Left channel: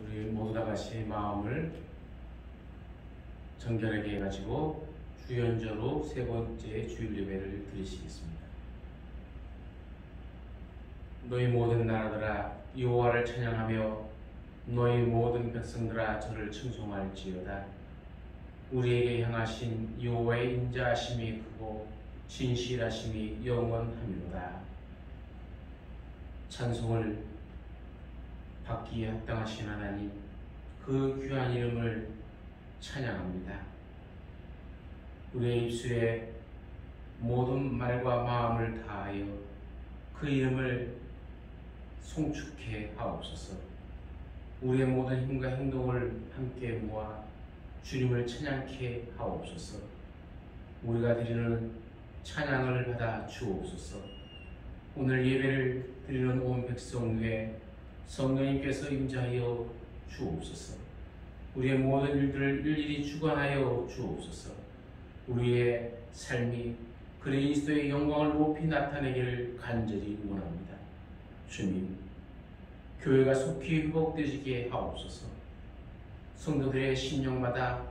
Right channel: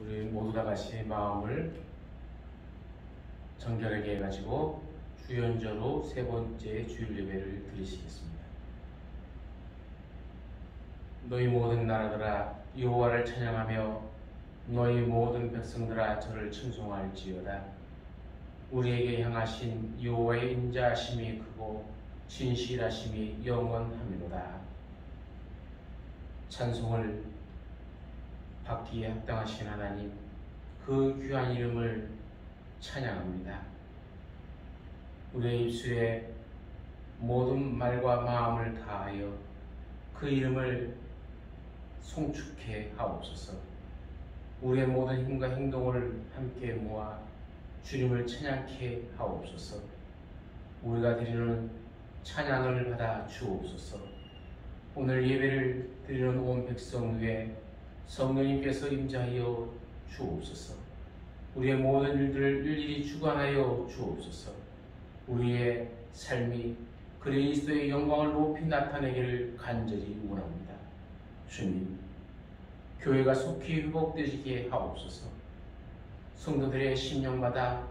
우리 모두 다 같이 마음을 정결하게 해가지고 주연절로 세 번째 주일 예배를 드리시겠습니다. 너희 모든 나라들아 여호와를 찬양하며 너희 모든 백성들아 저를稱颂할지어다. 우리에게 향하신 여호와의 인자하심이 크고 진실하심이 영원하미로다. 찬송을 받기에 합당하신 하나님, 그 귀한 이름을 찬양합니다. 우리의 입술에 모든 말과 마음을 다하여 그 이름을 송축해 하옵소서. 우리의 모든 힘과 행동을 함께 모아 주님을 찬양케 하옵소서. 우리가 드리는 찬양을 받아 주옵소서. 오늘 예배를 드리는 온 백성 위에 성령님께서 임재하여 주옵소서. 우리의 모든 일들을 일일이 주관하여 주옵소서. 우리의 삶이 그리스도의 영광을 높이 나타내기를 간절히 원합니다. 주님, 교회가 속히 회복되게 하옵소서. 성도들의 심령마다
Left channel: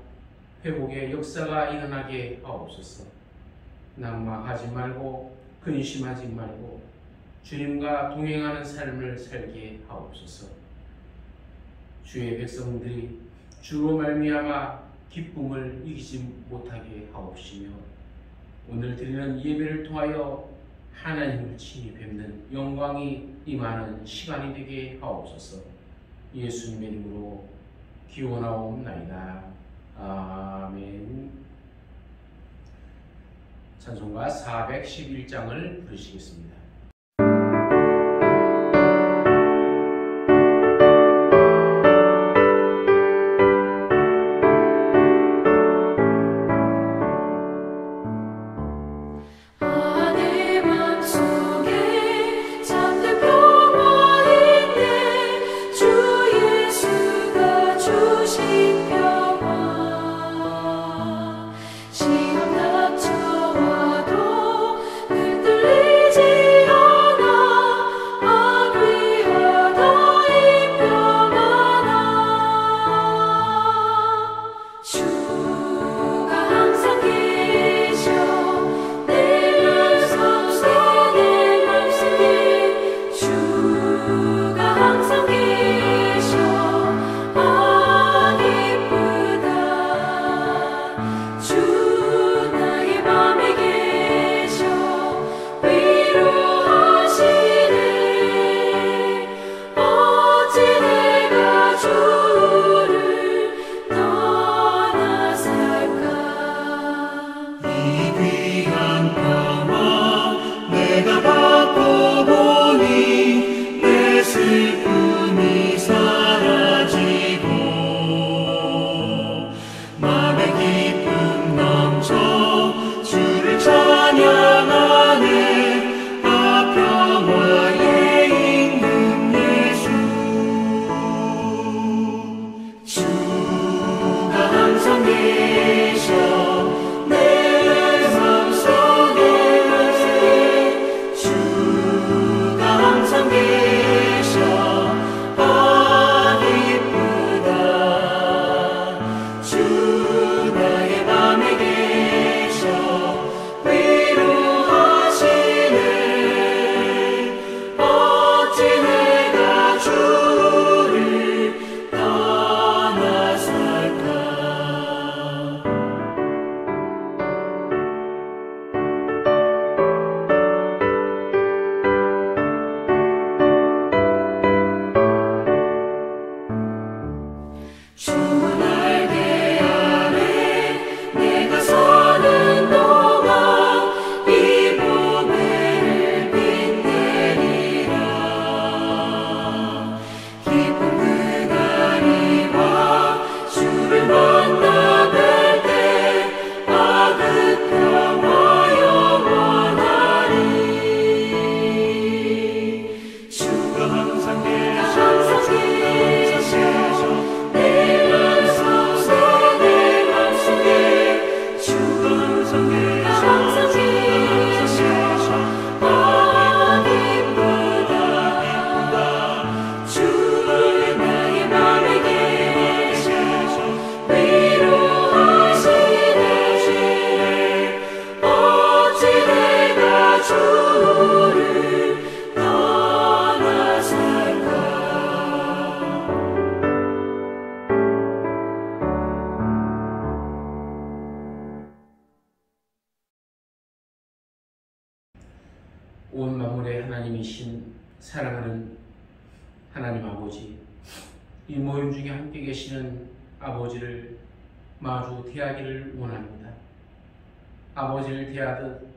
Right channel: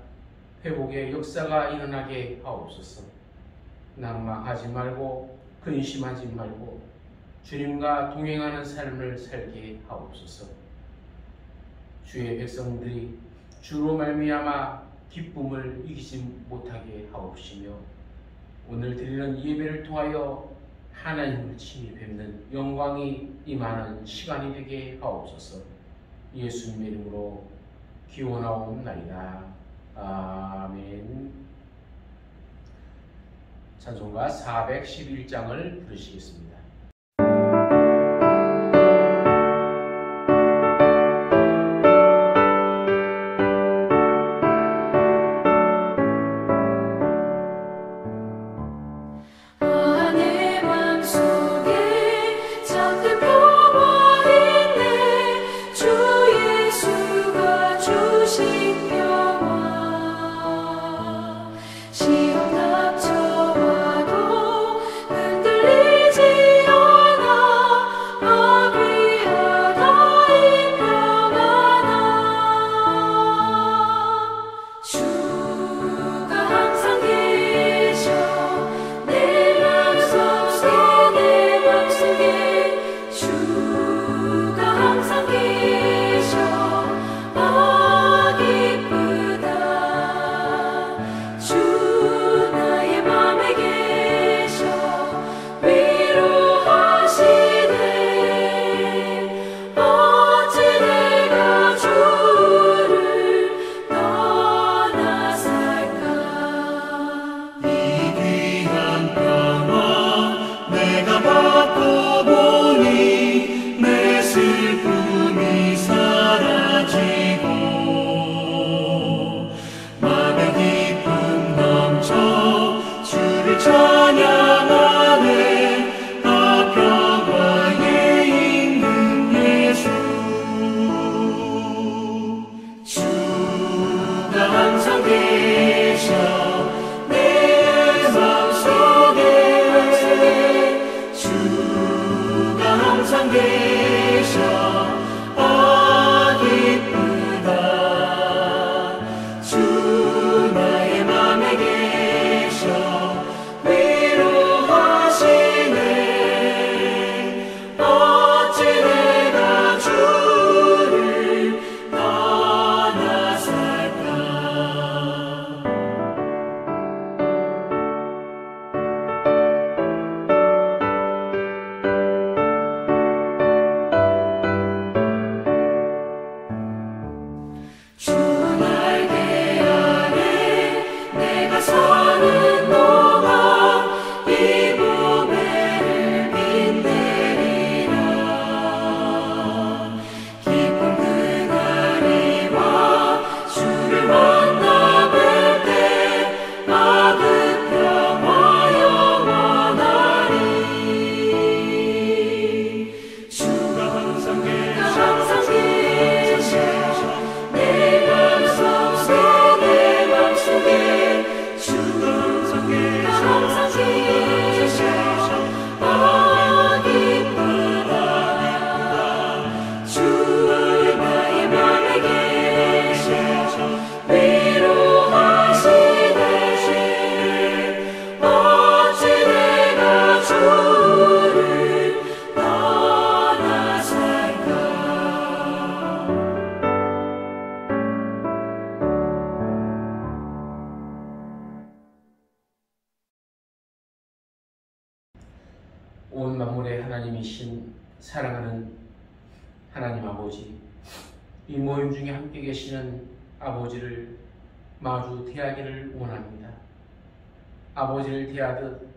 회복의 역사가 일어나게 하옵소서. 낙망하지 말고 근심하지 말고 주님과 동행하는 삶을 살게 하옵소서. 주의 백성들이 주로 말미암아 기쁨을 이기지 못하게 하옵시며 오늘 드리는 예배를 통하여 하나님을 친히 뵙는 영광이 임하는 시간이 되게 하옵소서. 예수님의 이름으로 기원하옵나이다. 아멘. 찬송가 411장을 부르시겠습니다. 시험 닥쳐와도 흔들리지 온 만물의 하나님이신 사랑하는 하나님 아버지, 이 모임 중에 함께 계시는 아버지를 마주 대하기를 원합니다. 아버지를 대하듯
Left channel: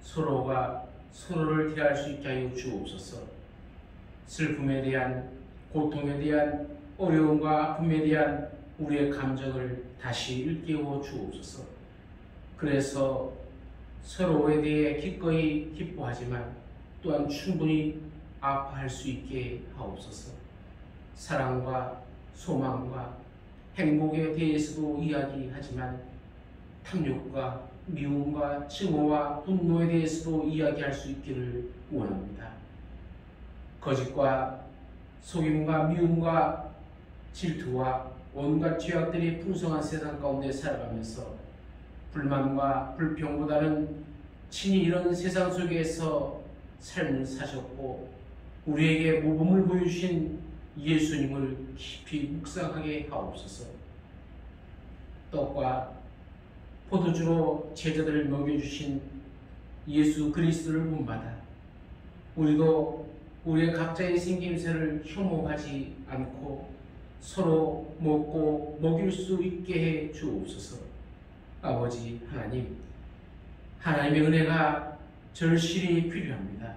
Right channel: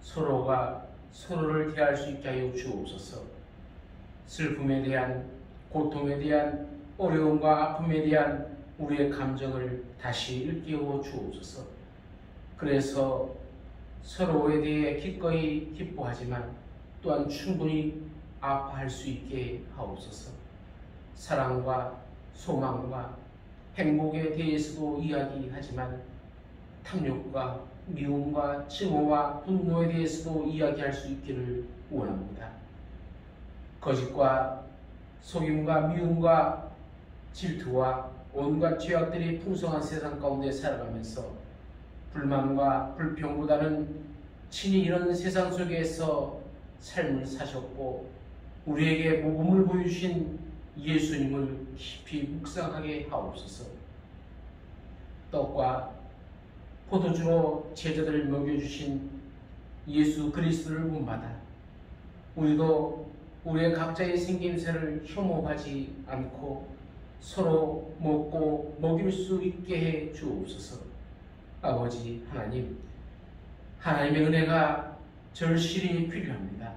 서로가 서로를 대할 수 있게 하여 주옵소서. 슬픔에 대한, 고통에 대한, 어려움과 아픔에 대한 우리의 감정을 다시 일깨워 주옵소서. 그래서 서로에 대해 기꺼이 기뻐하지만 또한 충분히 아파할 수 있게 하옵소서. 사랑과 소망과 행복에 대해서도 이야기하지만 탐욕과 미움과 증오와 분노에 대해서도 이야기할 수 있기를 원합니다. 거짓과 속임과 미움과 질투와 온갖 죄악들이 풍성한 세상 가운데 살아가면서 불만과 불평보다는 친히 이런 세상 속에서 삶을 사셨고 우리에게 모범을 보여주신 예수님을 깊이 묵상하게 하옵소서. 떡과 포도주로 제자들을 먹여주신 예수 그리스도를 본받아 우리도 우리의 각자의 생김새를 혐오하지 않고 서로 먹고 먹일 수 있게 해 주옵소서. 아버지 하나님, 하나님의 은혜가 절실히 필요합니다.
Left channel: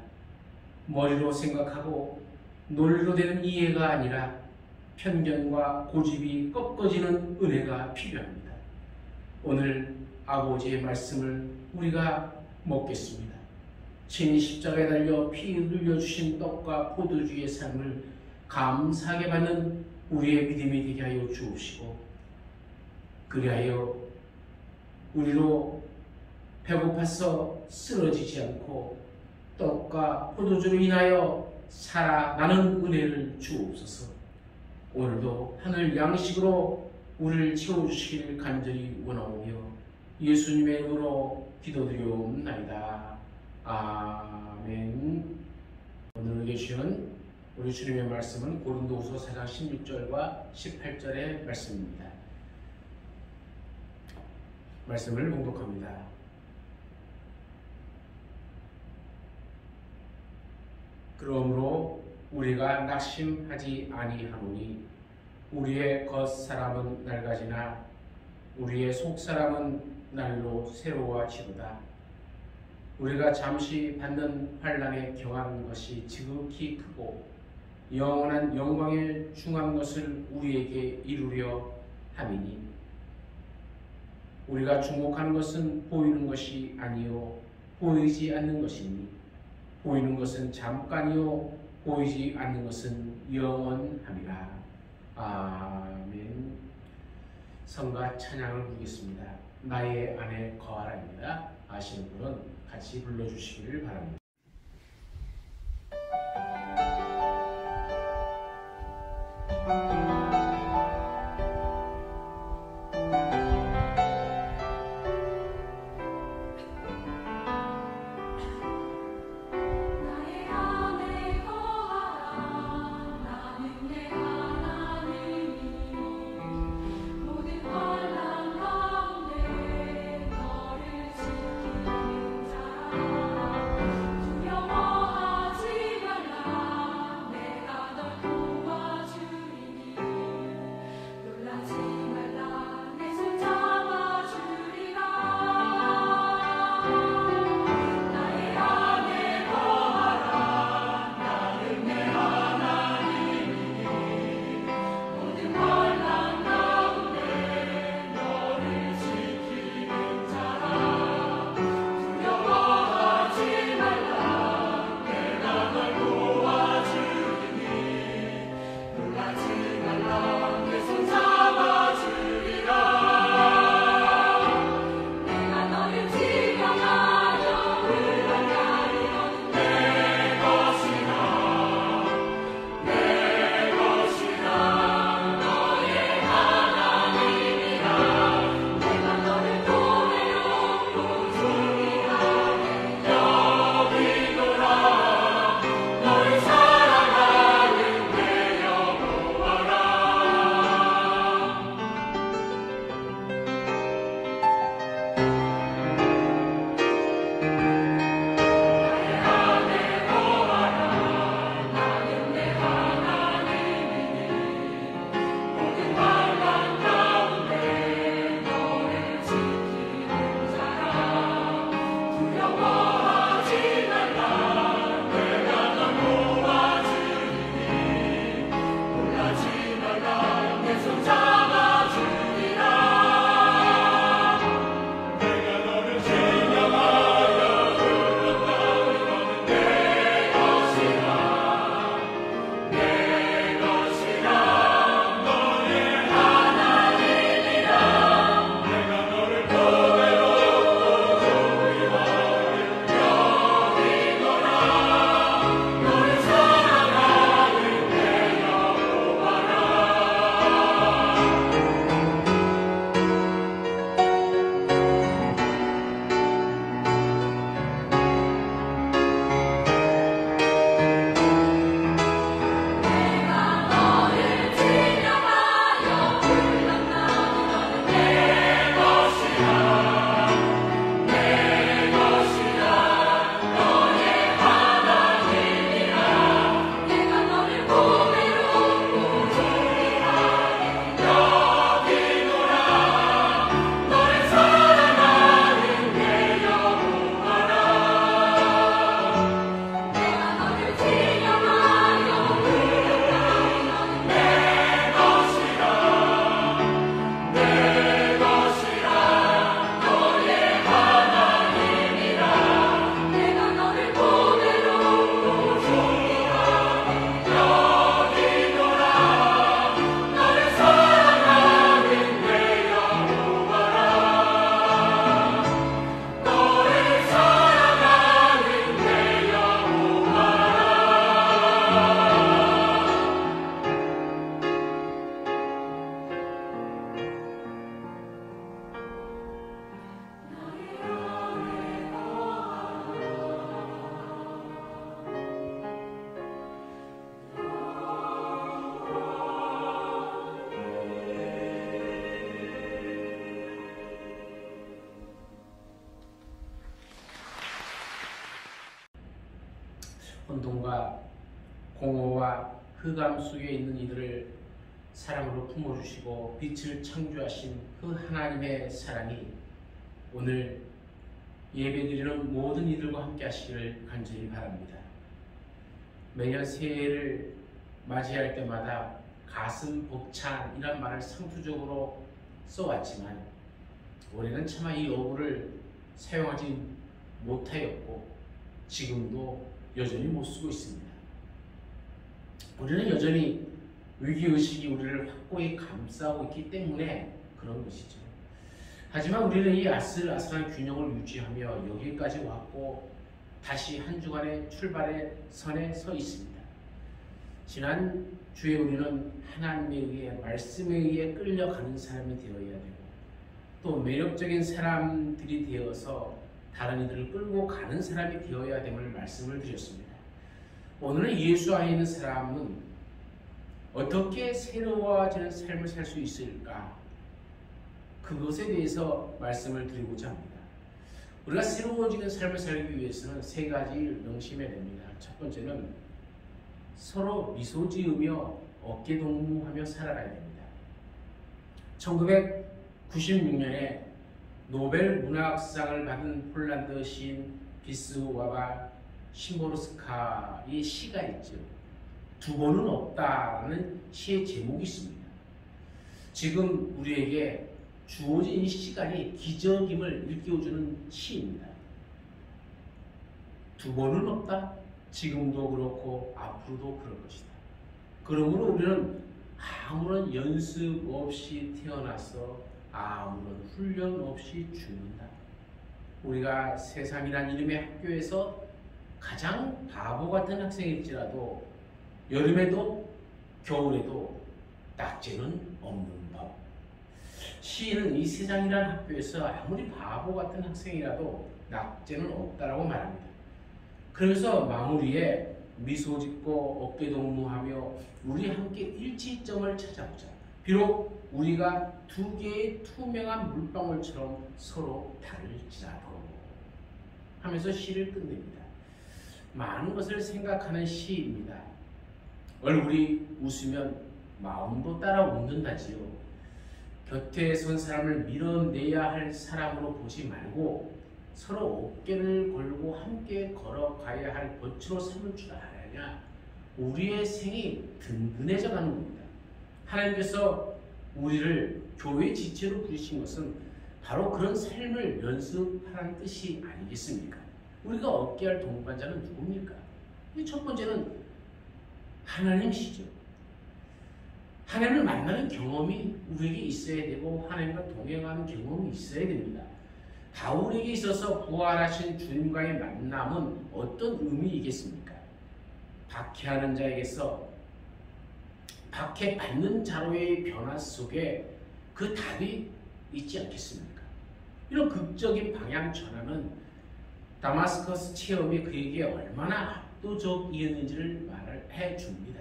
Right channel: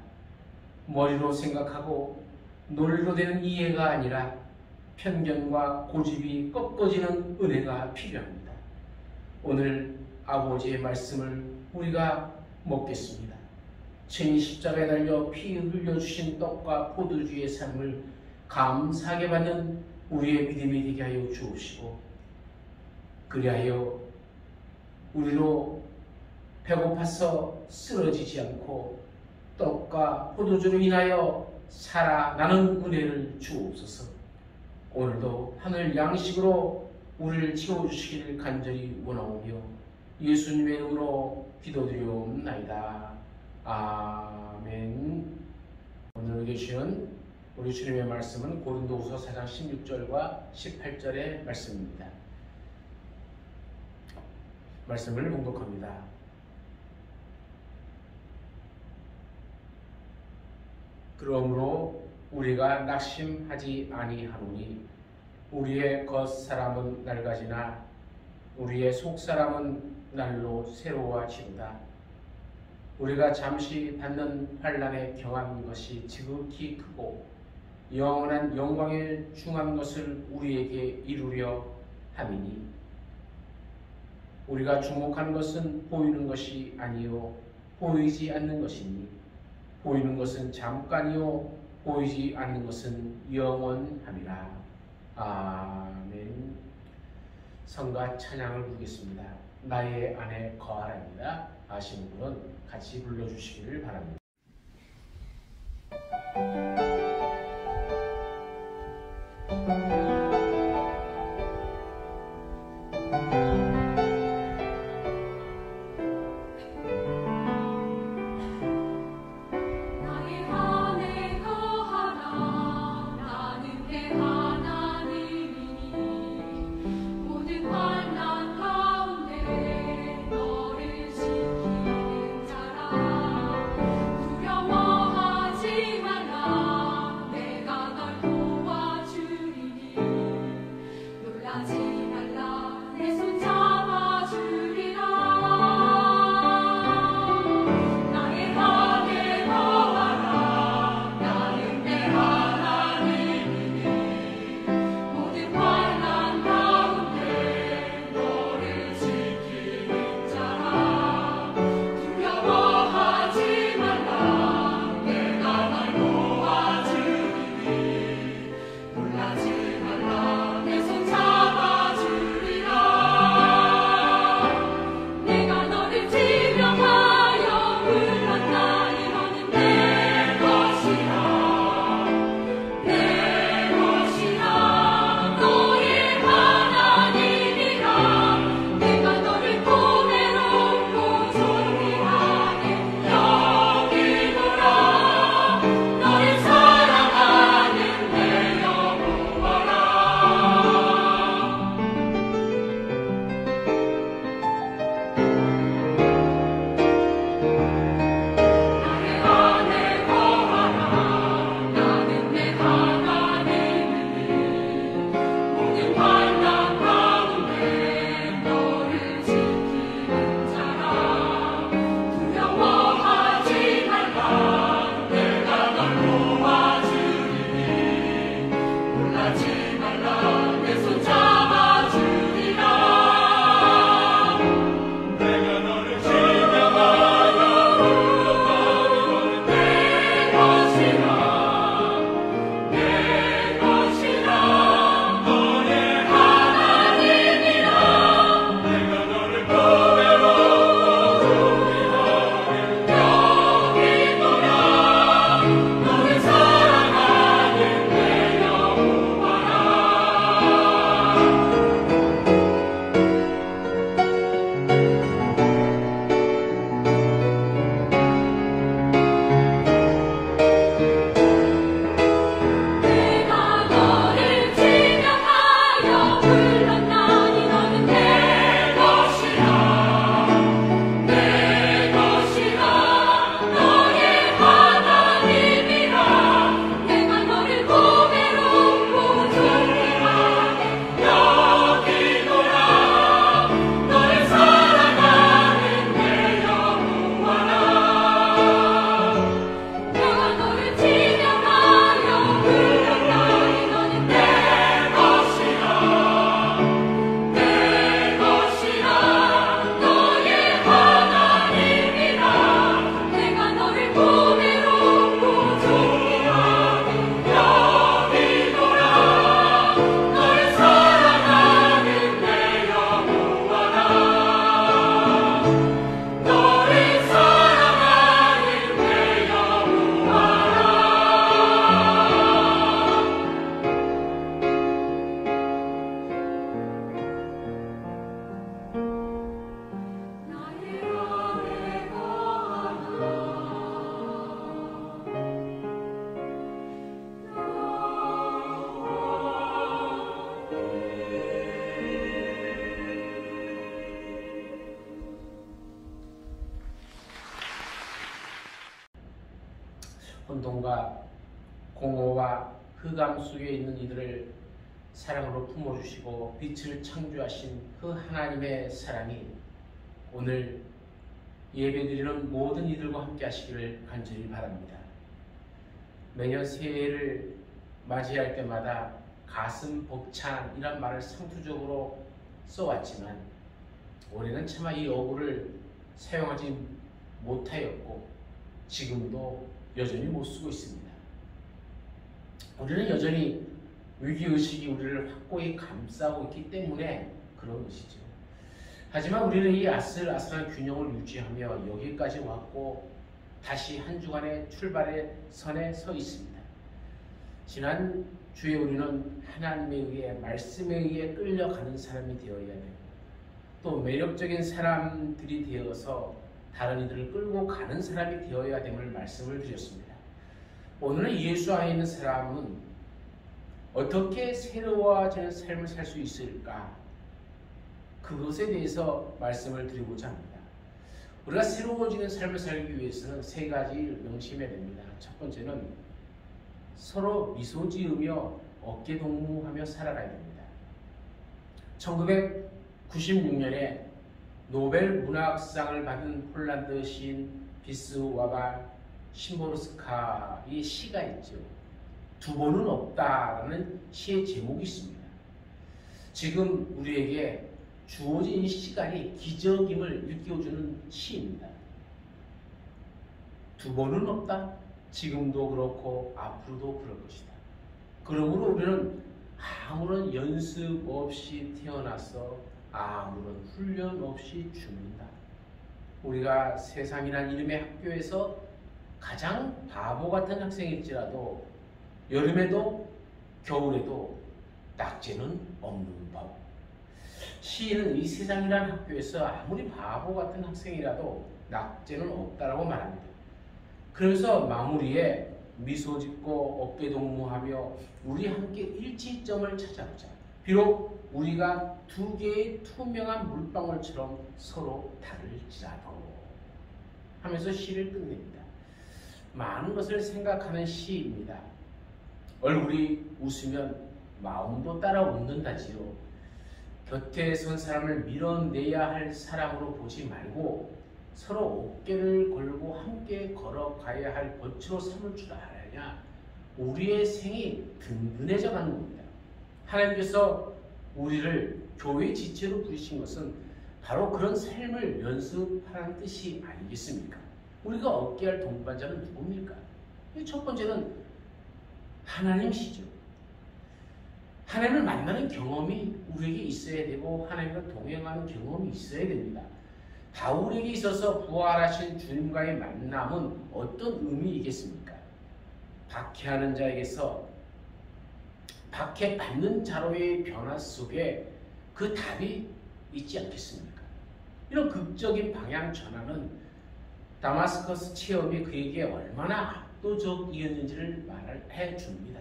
머리로 생각하고 논리로 되는 이해가 아니라 편견과 고집이 꺾어지는 은혜가 필요합니다. 오늘 아버지의 말씀을 우리가 먹겠습니다. 친히 십자가에 달려 피 흘려주신 떡과 포도주의 삶을 감사하게 받는 우리의 믿음이 되게 하여 주옵시고, 그리하여 우리로 배고파서 쓰러지지 않고 떡과 포도주로 인하여 살아나는 은혜를 주옵소서. 오늘도 하늘 양식으로 우리를 채워주시기를 간절히 원하오며 예수님의 이름으로 기도드리옵나이다. 아멘. 오늘 계시는 우리 주님의 말씀은 고린도후서 4장 16절과 18절의 말씀입니다. 말씀을 봉독합니다. 그러므로 우리가 낙심하지 아니하노니 우리의 겉사람은 낡아지나 우리의 속사람은 날로 새로워지도다. 우리가 잠시 받는 환난에 경한 것이 지극히 크고 영원한 영광에 중한 것을 우리에게 이루려 함이니 우리가 주목하는 것은 보이는 것이 아니요 보이지 않는 것이니 보이는 것은 잠깐이요 보이지 않는 것은 영원함이라. 아멘. 성가 찬양을 부르겠습니다. 나의 안에 거하라입니다. 아시는 분은 같이 불러주시기를 바랍니다. 두려워하지 말라. 혼돈과 공허와 흑암 속에 있는 이들을 사랑으로 품어주시고 빛을 창조하신 그 하나님의 사랑이 오늘 예배드리는 모든 이들과 함께 하시기를 간절히 바랍니다. 매년 새해를 맞이할 때마다 가슴 벅찬이란 말을 상투적으로 써왔지만 올해는 차마 이 어구를 사용하지 못하였고 지금도 여전히 못 쓰고 있습니다. 우리는 여전히 위기의식이 우리를 확고히 감싸고 있기 때문에 그런 것이죠. 하지만 우리는 이 아슬아슬한 균형을 유지하며 여기까지 왔고 다시 한 주간의 출발의 선에 서 있습니다. 지난 주에 우리는 하나님에 의해 말씀에 의해 끌려가는 사람이 되어야 되고 또 매력적인 사람들이 되어서 다른 이들을 끌고 가는 사람이 되어야 됨을 말씀을 드렸습니다. 오늘은 예수 안에 있는 사람은 어떻게 새로워지는 삶을 살 수 있을까? 그것에 대해서 말씀을 드리고자 합니다. 우리가 새로워지는 삶을 살기 위해서는 세 가지를 명심해야 됩니다. 첫 번째는 서로 미소 지으며 어깨 동무하며 살아가야 됩니다. 1996년에 노벨 문학상을 받은 폴란드 시인 비스와바 심보르스카의 시가 있죠. 두 번은 없다라는 시의 제목이 있습니다. 지금 우리에게 주어진 이 시간이 기적임을 일깨워주는 시입니다. 두 번은 없다. 지금도 그렇고 앞으로도 그럴 것이다. 그러므로 우리는 아무런 연습 없이 태어나서 아무런 훈련 없이 죽는다. 우리가 세상이란 이름의 학교에서 가장 바보 같은 학생일지라도 여름에도 겨울에도 낙제는 없는 법. 시인은 이 세상이란 학교에서 아무리 바보 같은 학생이라도 낙제는 없다라고 말합니다. 그래서 마무리에 미소 짓고 어깨 동무하며 우리 함께 일치점을 찾아보자. 비록 우리가 두 개의 투명한 물방울처럼 서로 다를지라도 하면서 시를 끝냅니다. 많은 것을 생각하는 시입니다. 얼굴이 웃으면 마음도 따라 웃는다지요. 곁에 선 사람을 밀어내야 할 사람으로 보지 말고 서로 어깨를 걸고 함께 걸어가야 할 버치로 삼을 줄 알아야 우리의 생이 든든해져 가는 겁니다. 하나님께서 우리를 교회 지체로 부르신 것은 바로 그런 삶을 연습하라는 뜻이 아니겠습니까? 우리가 얻게 할 동반자는 누굽니까? 첫 번째는 하나님이시죠. 하나님을 만나는 경험이 우리에게 있어야 되고 하나님과 동행하는 경험이 있어야 됩니다. 바울에게 있어서 부활하신 주님과의 만남은 어떤 의미이겠습니까? 박해하는 자에게서 박해받는 자로의 변화 속에 그 답이 있지 않겠습니까? 이런 극적인 방향 전환은 다마스커스 체험이 그에게 얼마나 압도적이었는지를 말해 줍니다.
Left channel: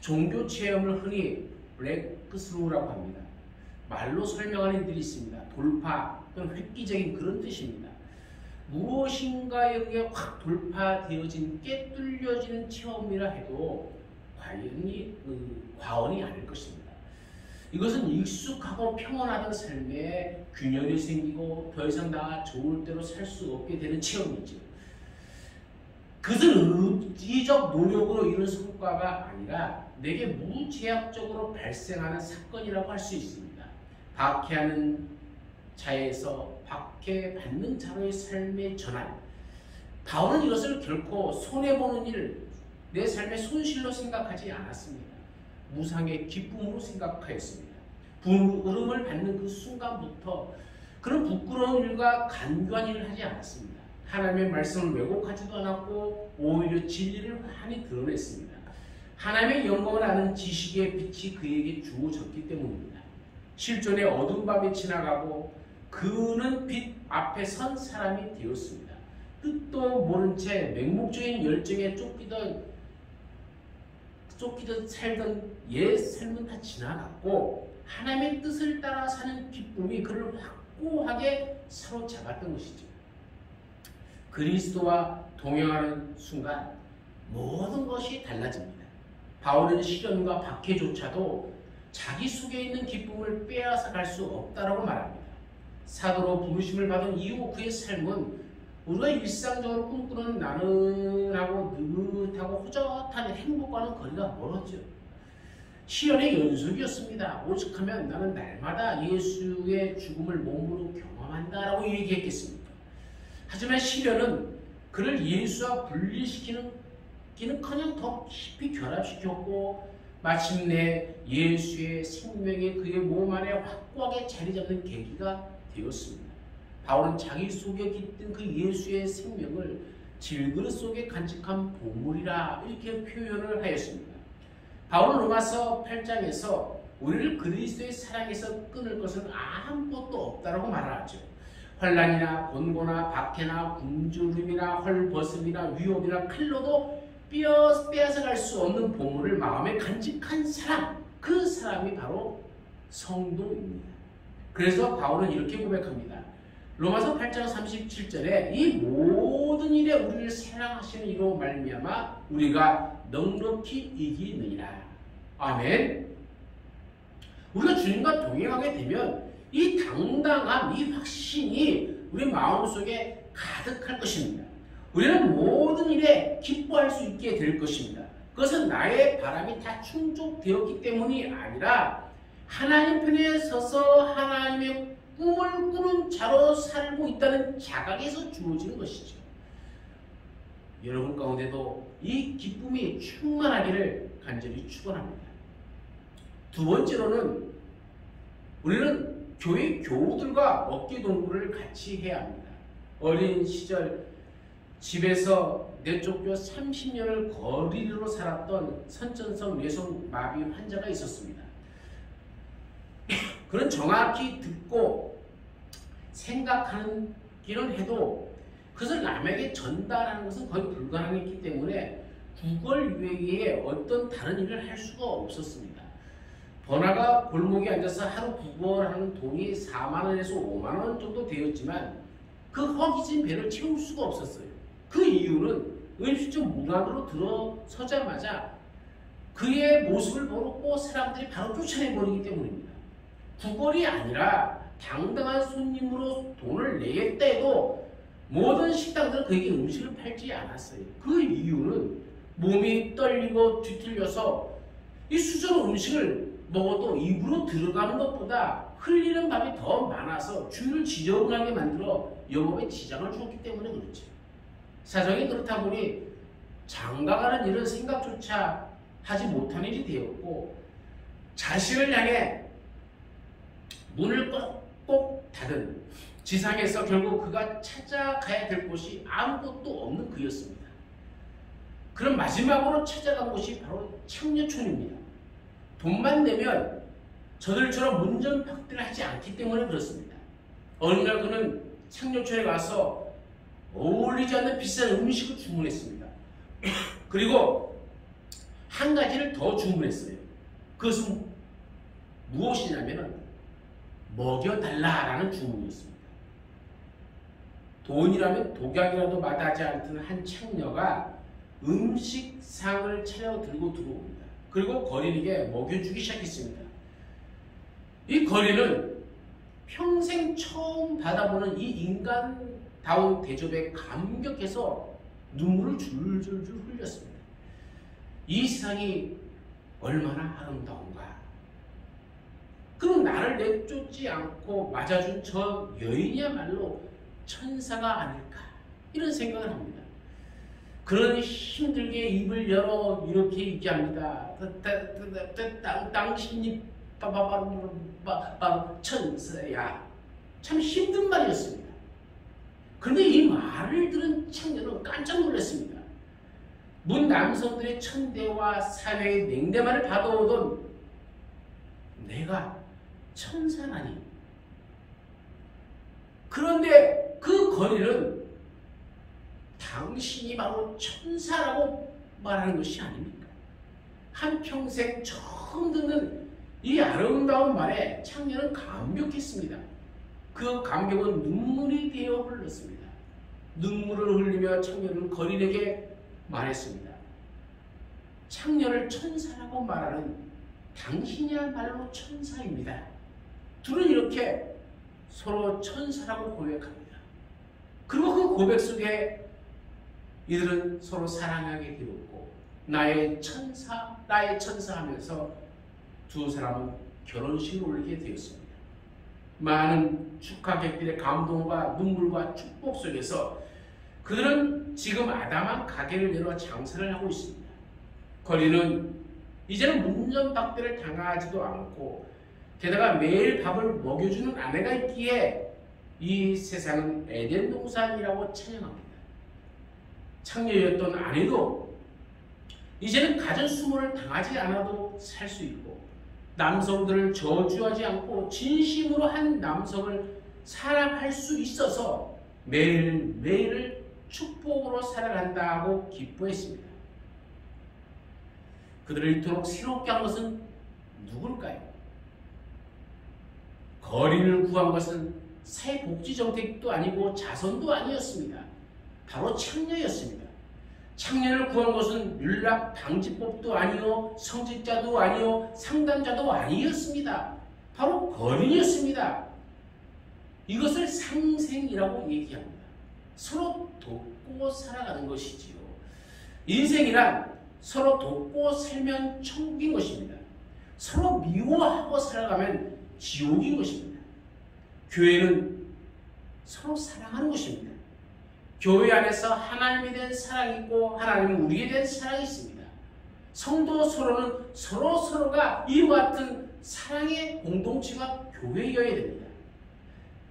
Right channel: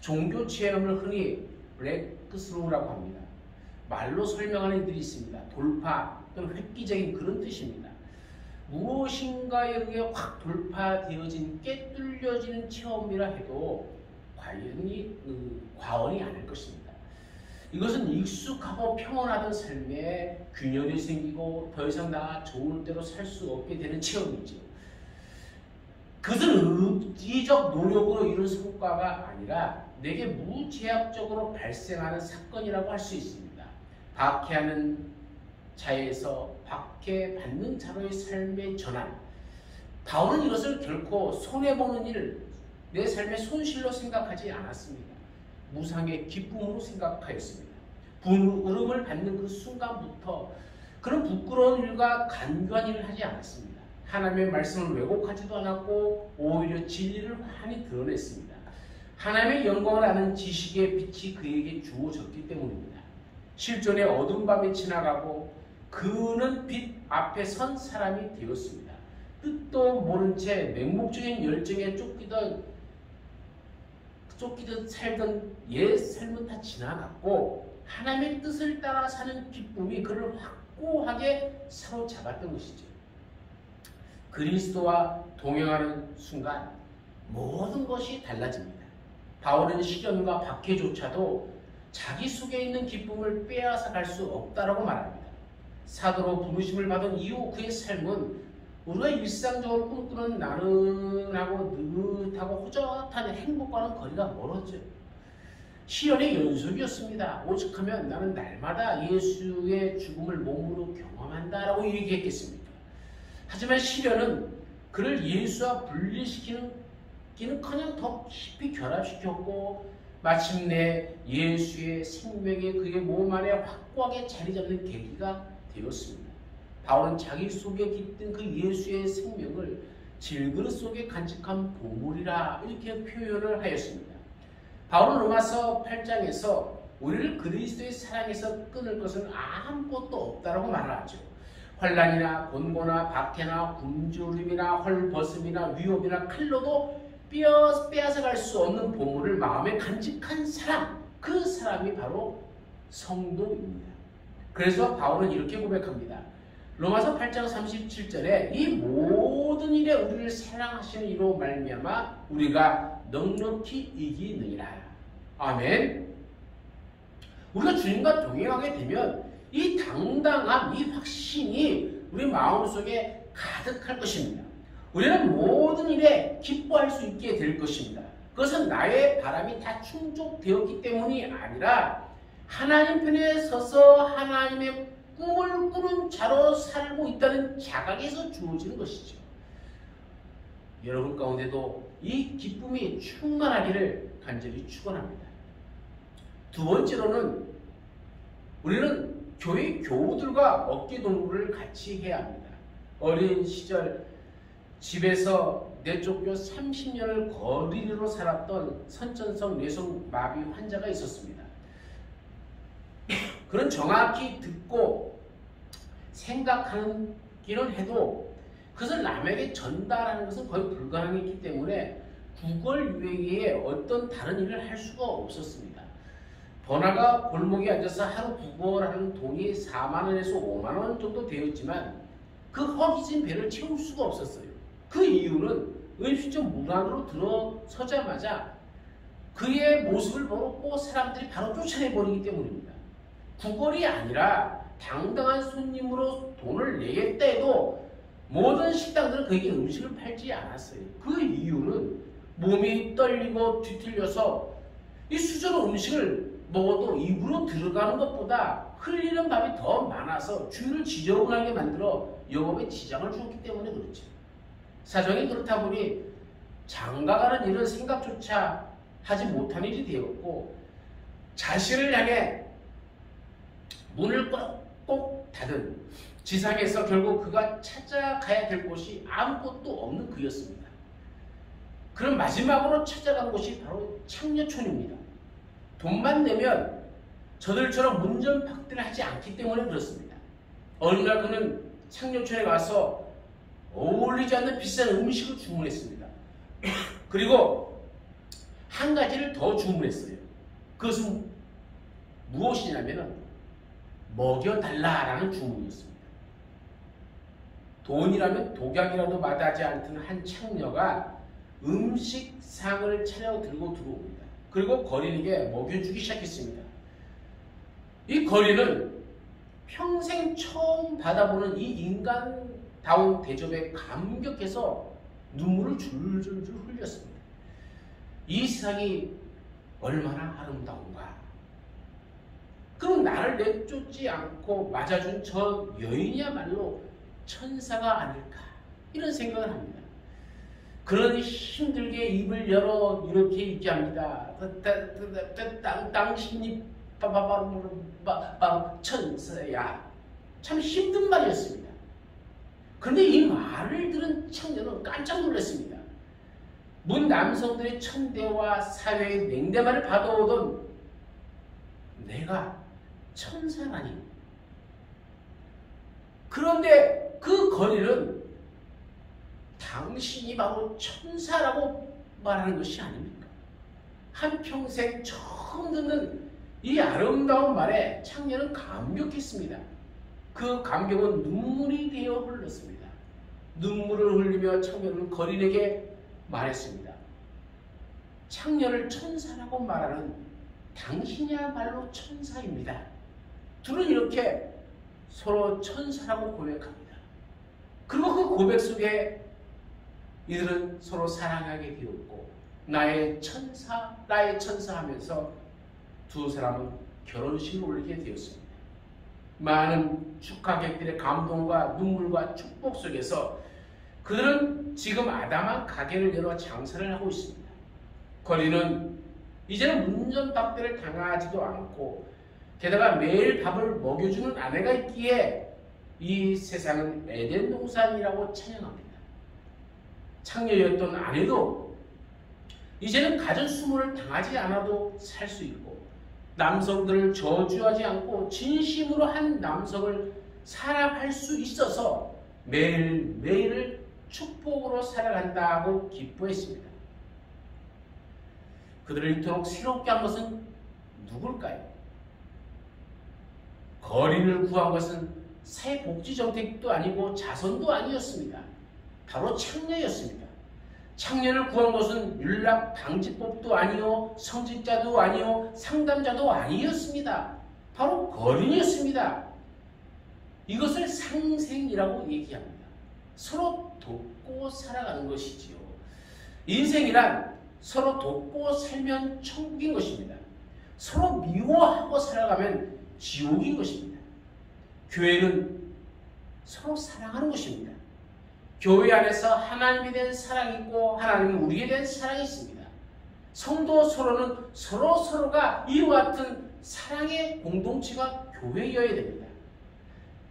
종교 체험을 흔히 브레이크스루라고 합니다. 말로 설명하는 이들이 있습니다. 돌파 또는 획기적인 그런 뜻입니다. 무엇인가에 의해 확 돌파되어진 깨뚫려지는 체험이라 해도 과언이 아닐 것입니다. 이것은 익숙하고 평온하던 삶에 균열이 생기고 더 이상 나 좋을 대로 살 수 없게 되는 체험이죠. 그것은 의지적 노력으로 이룬 성과가 아니라 내게 무제약적으로 발생하는 사건이라고 할 수 있습니다. 박해하는 자에서 박해받는 자로의 삶의 전환. 바울은 이것을 결코 손해보는 일, 내 삶의 손실로 생각하지 않았습니다. 무상의 기쁨으로 생각하였습니다. 부름을 받는 그 순간부터 그런 부끄러운 일과 간교한 일을 하지 않았습니다. 하나님의 말씀을 왜곡하지도 않았고 오히려 진리를 환히 드러냈습니다. 하나님의 영광을 아는 지식의 빛이 그에게 주어졌기 때문입니다. 실존의 어두운 밤이 지나가고 그는 빛 앞에 선 사람이 되었습니다. 뜻도 모른 채 맹목적인 열정에 쫓기듯 살던 옛 삶은 다 지나갔고 하나님의 뜻을 따라 사는 기쁨이 그를 확고하게 사로잡았던 것이죠. 그리스도와 동행하는 순간 모든 것이 달라집니다. 바울은 시련과 박해조차도 자기 속에 있는 기쁨을 빼앗아 갈 수 없다라고 말합니다. 사도로 부르심을 받은 이후 그의 삶은 우리가 일상적으로 꿈꾸는 나른하고 느긋하고 허젓한 행복과는 거리가 멀었죠. 시련의 연속이었습니다. 오죽하면 나는 날마다 예수의 죽음을 몸으로 경험한다라고 얘기했겠습니까? 하지만 시련은 그를 예수와 분리시키는커녕 더 깊이 결합시켰고 마침내 예수의 생명이 그의 몸 안에 확고하게 자리 잡는 계기가 되었습니다. 바울은 자기 속에 깃든 그 예수의 생명을 질그릇 속에 간직한 보물이라 이렇게 표현을 하였습니다. 바울은 로마서 8장에서 우리를 그리스도의 사랑에서 끊을 것은 아무것도 없다라고 말하죠. 환난이나 곤고나 박해나 굶주림이나 헐벗음이나 위험이나 칼로도 빼앗아갈 수 없는 보물을 마음에 간직한 사람, 그 사람이 바로 성도입니다. 그래서 바울은 이렇게 고백합니다. 로마서 8장 37절에 이 모든 일에 우리를 사랑하시는 이로 말미암아 우리가 넉넉히 이기느니라. 아멘. 우리가 주님과 동행하게 되면 이 당당함, 이 확신이 우리 마음속에 가득할 것입니다. 우리는 모든 일에 기뻐할 수 있게 될 것입니다. 그것은 나의 바람이 다 충족되었기 때문이 아니라 하나님 편에 서서 하나님의 꿈을 꾸는 자로 살고 있다는 자각에서 주어지는 것이죠. 여러분 가운데도 이 기쁨이 충만하기를 간절히 축원합니다. 두 번째로는 우리는 교회 교우들과 어깨동무를 같이 해야 합니다. 어린 시절 집에서 내쫓겨 30년을 거리로 살았던 선천성 뇌성 마비 환자가 있었습니다. 그는 정확히 듣고 생각하기는 해도 그것을 남에게 전달하는 것은 거의 불가능했기 때문에 구걸 외에 어떤 다른 일을 할 수가 없었습니다. 번화가 골목에 앉아서 하루 구걸하는 돈이 4만 원에서 5만 원 정도 되었지만 그 허기진 배를 채울 수가 없었어요. 그 이유는 은실적 문 안으로 들어서자마자 그의 모습을 보고 사람들이 바로 쫓아내버리기 때문입니다. 구걸이 아니라 당당한 손님으로 돈을 내겠다 해도 모든 식당들은 그에게 음식을 팔지 않았어요. 그 이유는 몸이 떨리고 뒤틀려서 이 수저로 음식을 먹어도 입으로 들어가는 것보다 흘리는 밥이 더 많아서 주인을 지저분하게 만들어 영업에 지장을 주었기 때문에 그렇죠. 사정이 그렇다 보니 장가가는 일은 생각조차 하지 못한 일이 되었고, 자신을 향해 문을 꼭 닫은 지상에서 결국 그가 찾아가야 될 곳이 아무것도 없는 그였습니다. 그럼 마지막으로 찾아간 곳이 바로 창녀촌입니다. 돈만 내면 저들처럼 문전박대를 하지 않기 때문에 그렇습니다. 어느 날 그는 창녀촌에 가서 어울리지 않는 비싼 음식을 주문했습니다. 그리고 한 가지를 더 주문했어요. 그것은 무엇이냐면 먹여달라라는 주문이었습니다. 돈이라면 독약이라도 마다하지 않던 한 창녀가 음식상을 차려 들고 들어옵니다. 그리고 거린에게 먹여주기 시작했습니다. 이 거린은 평생 처음 받아보는 이 인간다운 대접에 감격해서 눈물을 줄줄줄 흘렸습니다. 이 세상이 얼마나 아름다운가. 그럼 나를 내쫓지 않고 맞아준 저 여인이야말로 천사가 아닐까, 이런 생각을 합니다. 그러니 힘들게 입을 열어 이렇게 얘기합니다. 당신이 바로 천사야. 참 힘든 말이었습니다. 그런데 이 말을 들은 창녀는 깜짝 놀랐습니다. 문 남성들의 천대와 사회의 냉대만을 받아오던 내가 천사라니. 그런데 그 거리는 당신이 바로 천사라고 말하는 것이 아닙니까? 한평생 처음 듣는 이 아름다운 말에 창녀는 감격했습니다. 그 감격은 눈물이 되어 흘렀습니다. 눈물을 흘리며 창녀는 거린에게 말했습니다. 창녀를 천사라고 말하는 당신이야말로 천사입니다. 둘은 이렇게 서로 천사라고 고백합니다. 그리고 그 고백 속에 이들은 서로 사랑하게 되었고, 나의 천사 하면서 두 사람은 결혼식을 올리게 되었습니다. 많은 축하객들의 감동과 눈물과 축복 속에서 그들은 지금 아담한 가게를 열어 장사를 하고 있습니다. 거리는 이제는 문전박대를 당하지도 않고, 게다가 매일 밥을 먹여주는 아내가 있기에 이 세상은 에덴 동산이라고 찬양합니다. 창녀였던 아내도 이제는 가전 수모를 당하지 않아도 살 수 있고, 남성들을 저주하지 않고 진심으로 한 남성을 사랑할 수 있어서 매일매일을 축복으로 살아간다고 기뻐했습니다. 그들을 이토록 새롭게 한 것은 누굴까요? 거린을 구한 것은 사회복지정책도 아니고 자선도 아니었습니다. 바로 창녀였습니다. 창녀를 구한 것은 윤락방지법도 아니요, 성직자도 아니요, 상담자도 아니었습니다. 바로 거린이었습니다. 이것을 상생이라고 얘기합니다. 서로 돕고 살아가는 것이지요. 인생이란 서로 돕고 살면 천국인 것입니다. 서로 미워하고 살아가면 지옥인 것입니다. 교회는 서로 사랑하는 것입니다. 교회 안에서 하나님에 대한 사랑이 있고 하나님은 우리에 대한 사랑이 있습니다. 성도 서로는 서로가 이와 같은 사랑의 공동체가 교회여야 됩니다.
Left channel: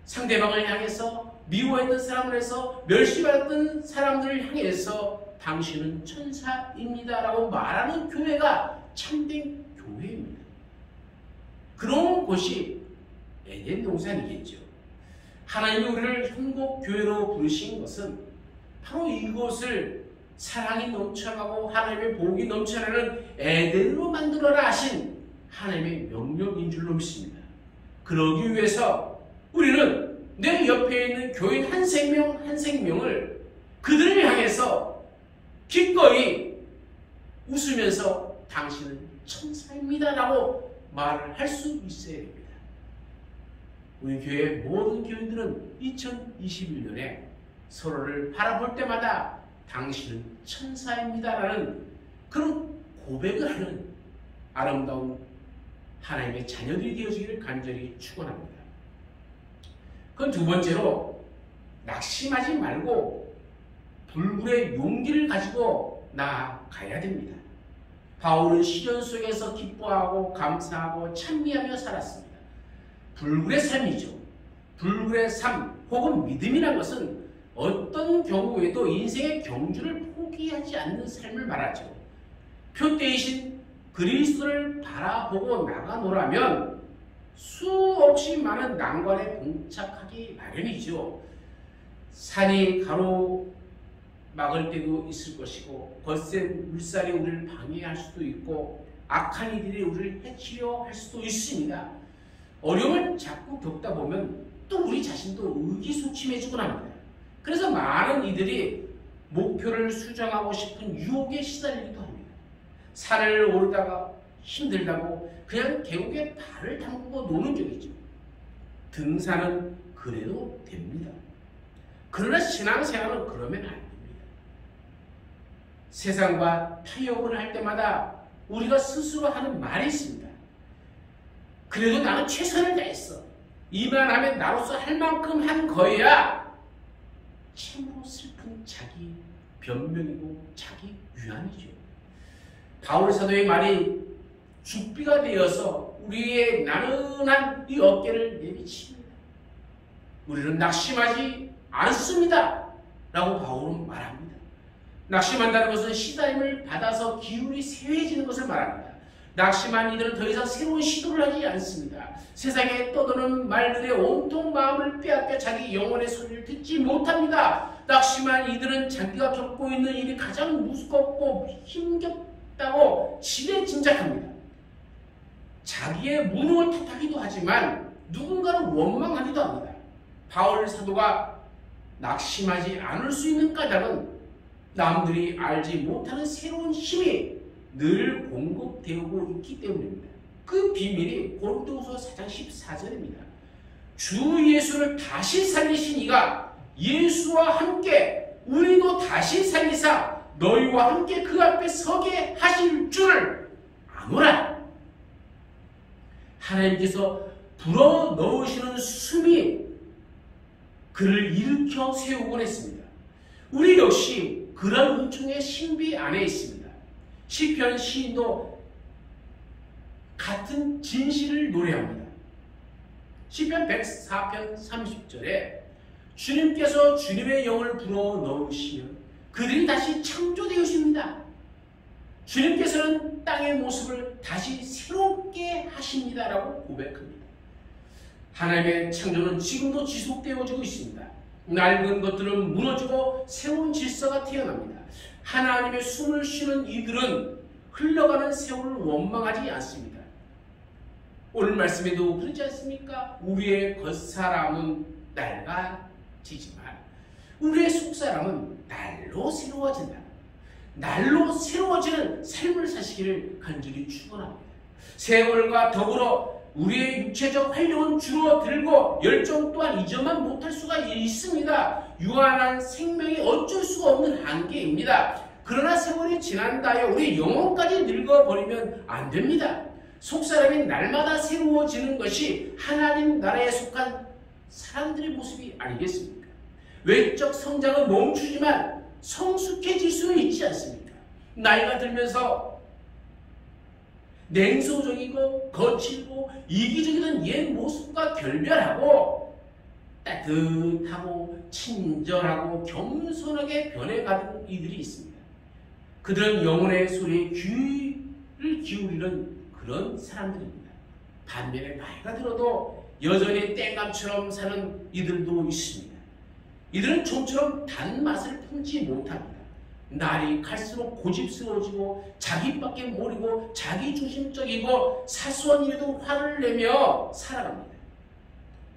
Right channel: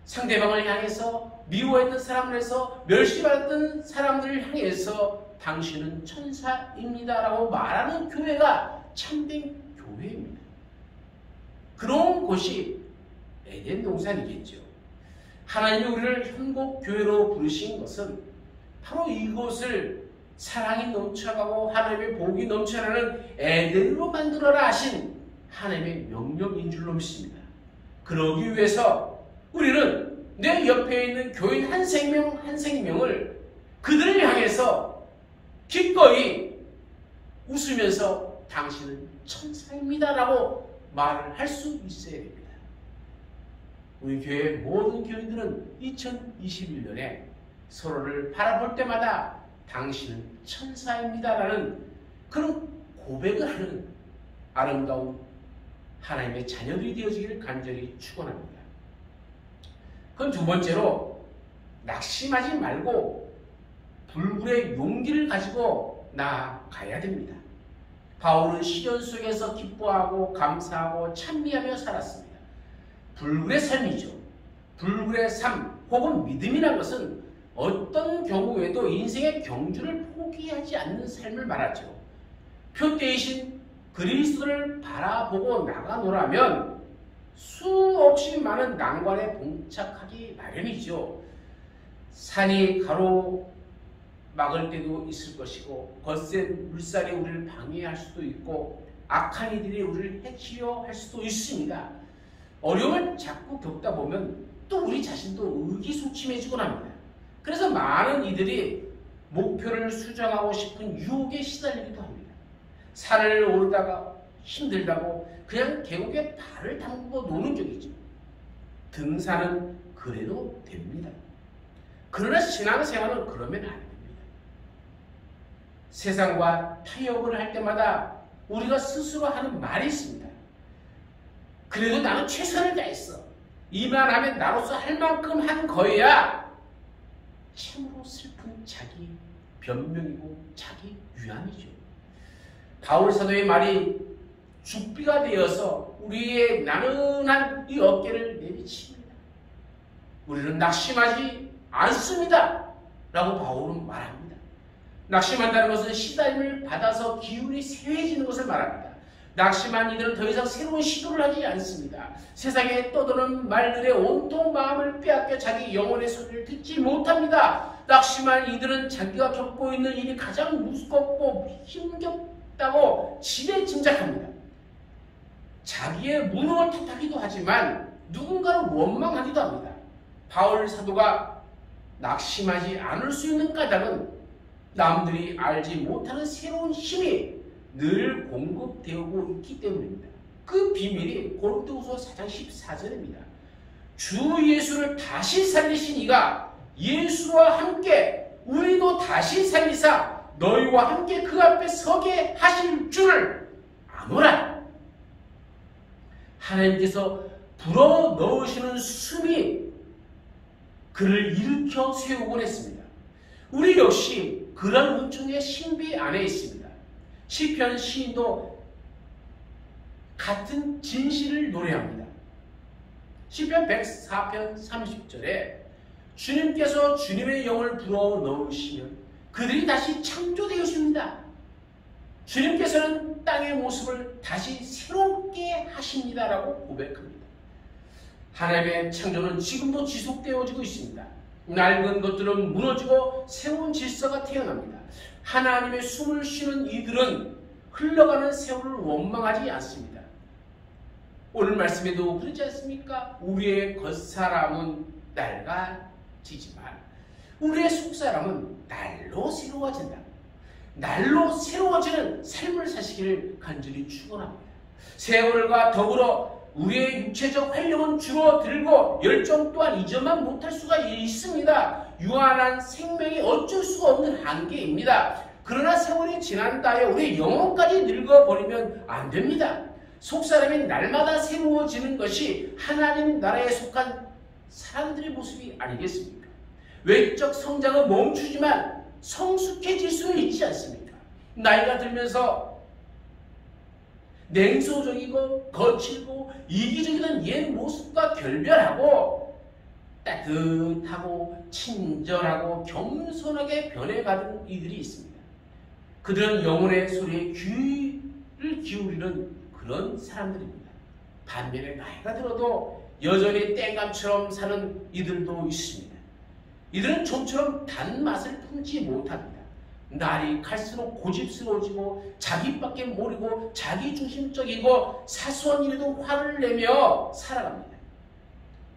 상대방을 향해서 미워했던 사람들에서 멸시받았던 사람들을 향해서 당신은 천사입니다 라고 말하는 교회가 참된 교회입니다. 그런 곳이 에덴 동산이겠죠. 하나님이 우리를 현곡교회로 부르신 것은 바로 이곳을 사랑이 넘쳐가고 하나님의 복이 넘쳐나는 에덴으로 만들어라 하신 하나님의 명령인 줄로 믿습니다. 그러기 위해서 우리는 내 옆에 있는 교인 한 생명을 그들을 향해서 기꺼이 웃으면서 당신은 천사입니다 라고 말을 할 수 있어야 됩니다. 우리 교회의 모든 교인들은 2021년에 서로를 바라볼 때마다 당신은 천사입니다 라는 그런 고백을 하는 아름다운 하나님의 자녀들이 되어지기를 간절히 축원합니다. 그럼 두 번째로 낙심하지 말고 불굴의 용기를 가지고 나아가야 됩니다. 바울은 시련 속에서 기뻐하고 감사하고 찬미하며 살았습니다. 불굴의 삶이죠. 불굴의 삶 혹은 믿음이란 것은 어떤 경우에도 인생의 경주를 포기하지 않는 삶을 말하죠. 표대이신 그리스도를 바라보고 나가노라면 수없이 많은 난관에 봉착하기 마련이죠. 산이 가로막을 때도 있을 것이고 거센 물살이 우리를 방해할 수도 있고 악한 이들이 우리를 해치려 할 수도 있습니다. 어려움을 자꾸 겪다 보면 또 우리 자신도 의기소침해지곤 합니다. 그래서 많은 이들이 목표를 수정하고 싶은 유혹에 시달리기도 합니다. 산을 오르다가 힘들다고 그냥 계곡에 발을 담그고 노는 적이죠. 등산은 그래도 됩니다. 그러나 신앙생활은 그러면 안 됩니다. 세상과 타협을 할 때마다 우리가 스스로 하는 말이 있습니다. 그래도 나는 최선을 다했어. 이만하면 나로서 할 만큼 한 거야. 참으로 슬픈 자기 변명이고 자기 위안이죠. 바울 사도의 말이 죽비가 되어서 우리의 나른한 이 어깨를 내비칩니다. 우리는 낙심하지 않습니다. 라고 바울은 말합니다. 낙심한다는 것은 시달림을 받아서 기운이 쇠해지는 것을 말합니다. 낙심한 이들은 더 이상 새로운 시도를 하지 않습니다. 세상에 떠도는 말들의 온통 마음을 빼앗겨 자기 영혼의 소리를 듣지 못합니다. 낙심한 이들은 자기가 겪고 있는 일이 가장 무겁고 힘겹다고 지레 짐작합니다. 자기의 무능을 탓하기도 하지만 누군가를 원망하기도 합니다. 바울 사도가 낙심하지 않을 수 있는 까닭은 남들이 알지 못하는 새로운 힘이 늘 공급되고 있기 때문입니다. 그 비밀이 고린도후서 4장 14절입니다. 주 예수를 다시 살리신 이가 예수와 함께 우리도 다시 살리사 너희와 함께 그 앞에 서게 하실 줄을 아노라. 하나님께서 불어넣으시는 숨이 그를 일으켜 세우곤 했습니다. 우리 역시 그런 은총의 신비 안에 있습니다. 시편 시인도 같은 진실을 노래합니다. 시편 104편 30절에 주님께서 주님의 영을 불어넣으시면 그들이 다시 창조되어집니다. 주님께서는 땅의 모습을 다시 새롭게 하십니다라고 고백합니다. 하나님의 창조는 지금도 지속되어지고 있습니다. 낡은 것들은 무너지고 새로운 질서가 태어납니다. 하나님의 숨을 쉬는 이들은 흘러가는 세월을 원망하지 않습니다. 오늘 말씀에도 그렇지 않습니까? 우리의 겉사람은 낡아지지만 우리의 속사람은 날로 새로워진다. 날로 새로워지는 삶을 사시기를 간절히 축원합니다. 세월과 더불어 우리의 육체적 활력은 줄어들고 열정 또한 이전만 못할 수가 있습니다. 유한한 생명이 어쩔 수가 없는 한계입니다. 그러나 세월이 지난 다에 우리 영혼까지 늙어버리면 안 됩니다. 속사람이 날마다 새로워지는 것이 하나님 나라에 속한 사람들의 모습이 아니겠습니까? 외적 성장은 멈추지만 성숙해질 수는 있지 않습니까? 나이가 들면서 냉소적이고 거칠고 이기적이던 옛 모습과 결별하고 따뜻하고 친절하고 겸손하게 변해가는 이들이 있습니다. 그들은 영혼의 소리에 귀를 기울이는 그런 사람들입니다. 반면에 나이가 들어도 여전히 땡감처럼 사는 이들도 있습니다. 이들은 좀처럼 단맛을 품지 못합니다. 날이 갈수록 고집스러워지고 자기밖에 모르고 자기중심적이고 사소한 일에도 화를 내며 살아갑니다.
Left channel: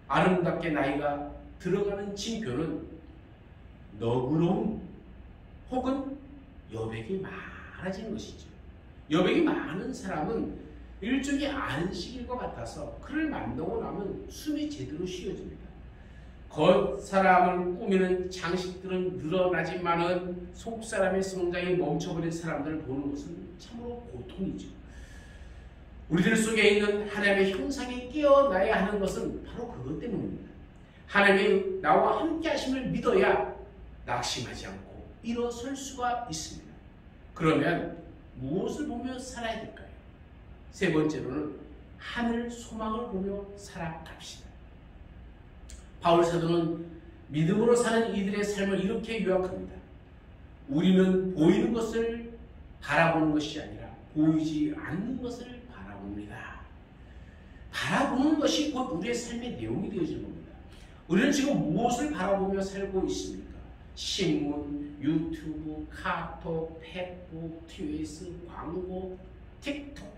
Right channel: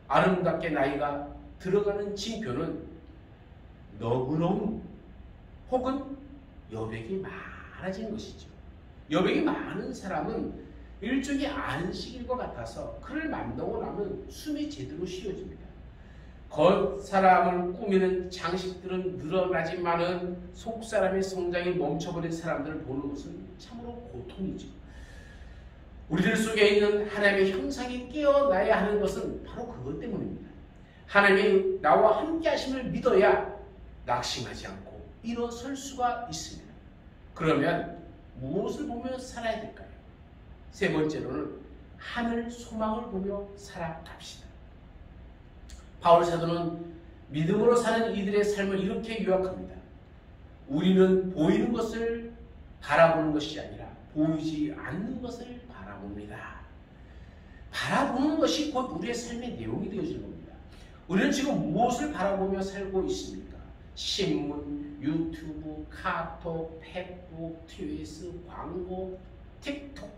아름답게 나이가 들어가는 징표는 너그러움 혹은 여백이 많아지는 것이죠. 여백이 많은 사람은 일종의 안식일 것 같아서 그를 만나고 나면 숨이 제대로 쉬어집니다. 겉사람을 꾸미는 장식들은 늘어나지만은 속사람의 성장이 멈춰버린 사람들을 보는 것은 참으로 고통이죠. 우리들 속에 있는 하나님의 형상이 깨어나야 하는 것은 바로 그것 때문입니다. 하나님이 나와 함께 하심을 믿어야 낙심하지 않고 일어설 수가 있습니다. 그러면 무엇을 보며 살아야 될까요? 세 번째로는 하늘 소망을 보며 살아갑시다. 바울 사도는 믿음으로 사는 이들의 삶을 이렇게 요약합니다. 우리는 보이는 것을 바라보는 것이 아니라 보이지 않는 것을 바라봅니다. 바라보는 것이 곧 우리의 삶의 내용이 되어지는 겁니다. 우리는 지금 무엇을 바라보며 살고 있습니까? 신문, 유튜브, 카톡, 페북, 트위스, 광고, 틱톡,